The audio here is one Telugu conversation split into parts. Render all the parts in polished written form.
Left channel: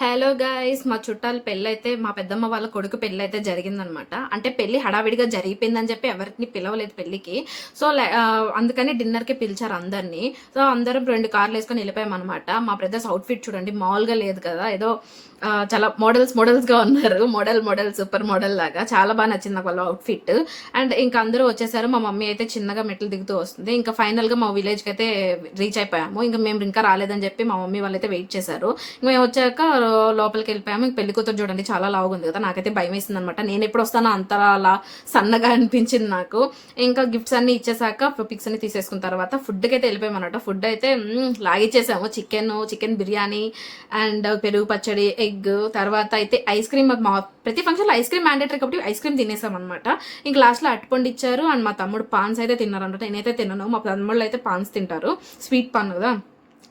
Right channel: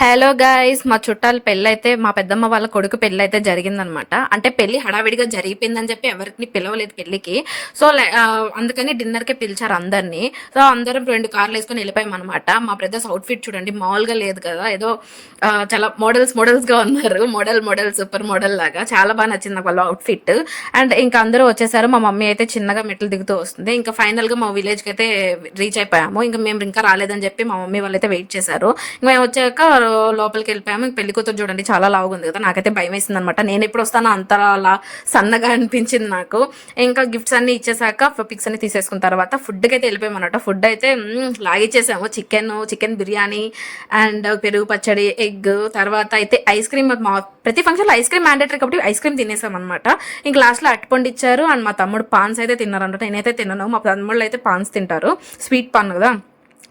హలో గైస్, మా చుట్టాల పెళ్ళైతే మా పెద్దమ్మ వాళ్ళ కొడుకు పెళ్ళి అయితే జరిగిందనమాట. అంటే పెళ్లి హడావిడిగా జరిగిపోయిందని చెప్పి ఎవరిని పిలవలేదు పెళ్లికి. సో అందుకని డిన్నర్కి పిలిచారు అందరినీ. సో అందరం 2 కార్లు వేసుకొని వెళ్ళిపోయాం అనమాట. మా బ్రదర్స్ అవుట్ఫిట్ చూడండి, మామూలుగా లేదు కదా, ఏదో చాలా మోడల్స్గా ఉన్నారు. మోడల్ సూపర్ మోడల్ లాగా చాలా బాగా నచ్చింది నాకు వాళ్ళ అవుట్ఫిట్. అండ్ ఇంకా అందరూ వచ్చేసారు. మా మమ్మీ అయితే చిన్నగా మెట్లు దిగుతూ వస్తుంది. ఇంకా ఫైనల్గా మా విలేజ్కి అయితే రీచ్ అయిపోయాము. ఇంకా మేము ఇంకా రాలేదని చెప్పి మా మమ్మీ వాళ్ళైతే వెయిట్ చేశారు. ఇంకా మేము వచ్చాక లోపలికి వెళ్ళిపోయాము. పెళ్లి కూతురు చూడండి చాలా లావుగా ఉంది కదా, నాకైతే భయం వేసింది అనమాట. నేను ఎప్పుడు వస్తానో అంత అలా సన్నగా అనిపించింది నాకు. ఇంకా గిఫ్ట్స్ అన్ని ఇచ్చేసాక పిక్స్ అన్ని తీసేసుకున్న తర్వాత ఫుడ్కి అయితే వెళ్ళిపోయాం అనమాట. ఫుడ్ అయితే లాగిచ్చేసాము. చికెన్ బిర్యానీ అండ్ పెరుగు పచ్చడి, ఎగ్, తర్వాత అయితే ఐస్ క్రీమ్. ప్రతి ఫంక్షన్లో ఐస్ క్రీమ్ మ్యాండేటరీ కాబట్టి ఐస్ క్రీమ్ తినేసాం అనమాట. ఇంక లాస్ట్లో అట్టుపండు ఇచ్చారు. అండ్ మా తమ్ముడు పాన్స్ అయితే తిన్నారనమాట. నేనైతే తిన్నాను, మా తమ్ముళ్ళు అయితే పాన్స్ తింటారు, స్వీట్ పాన్ కదా,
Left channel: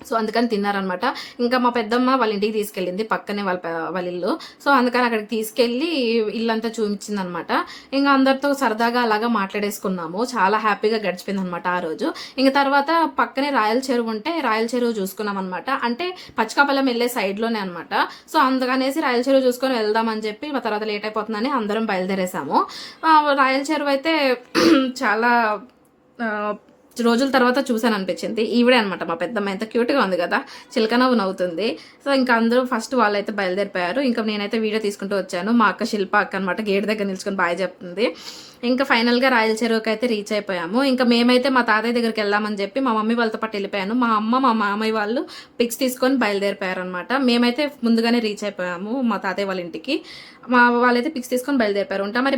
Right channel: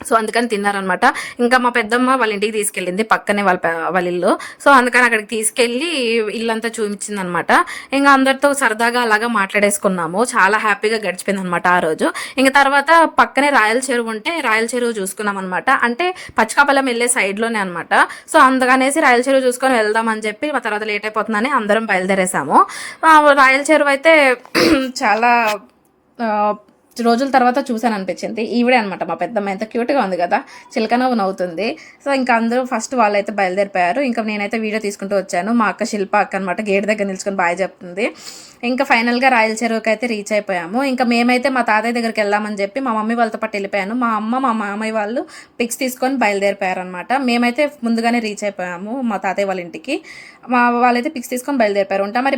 సో అందుకని తిన్నారనమాట. ఇంకా మా పెద్దమ్మ వాళ్ళ ఇంటికి తీసుకెళ్ళింది, పక్కనే వాళ్ళ ఇల్లు. సో అందుకని అక్కడికి తీసుకెళ్ళి ఇల్లంతా చూపించింది అనమాట. ఇంకా అందరితో సరదాగా అలాగా మాట్లాడేసుకున్నాము. చాలా హ్యాపీగా గడిచిపోయింది అనమాట ఆ రోజు. ఇంకా తర్వాత పక్కనే రాయల చెరువు ఉంటే రాయల చెరువు చూసుకున్నాం అనమాట. అంటే పచ్చికాపల్లం వెళ్ళే సైడ్లోనే అనమాట. సో అందుకనేసి రాయల చెరువు చూసుకొని వెళ్దామని చెప్పి మా తర్వాత లేట్ అయిపోతుందని అందరం బయలుదేరేసాము. రాయల చెరువు అయితే చాలా రోజుల తర్వాత చూసాను అనిపించింది. ఈవిడే అనమాట మా పెద్దమ్మ, ఎంత క్యూట్గా ఉంది కదా, చిలకనవ్వు నవ్వుతుంది. సో ఇంకా అందరూ ఫస్ట్ వాళ్ళైతే బయలుదేరిపోయారు. ఇంకా నేనైతే వీడియో తీసుకుంటూ వచ్చాను. మా అక్క శిల్ప అక్క అనమాట, గేట్ దగ్గర నిల్చుకొని బాయ్ చెప్తుంది. ఇంకా ఫైనల్గా రాయల చెరువుకి అయితే రీచ్ అయిపోయాము. ఇంకా మేమైతే మా తాతయ్య దగ్గరికి వెళ్దామని చెప్పి మా మమ్మీ వాళ్ళతో పాటు వెళ్ళిపోయాను. మా అమ్మ మా మామయ్య వాళ్ళు పిక్స్ తీసుకొని బయలుదేరిపోయారు అనమాట. మేమైతే ముందుగానే రీచ్ అయిపోయాము మా తాతయ్య వాళ్ళ ఇంటికి. వాళ్ళైతే పిక్స్ తీసుకొని బయలుదేరిపోయారు. ఉంటా మరి.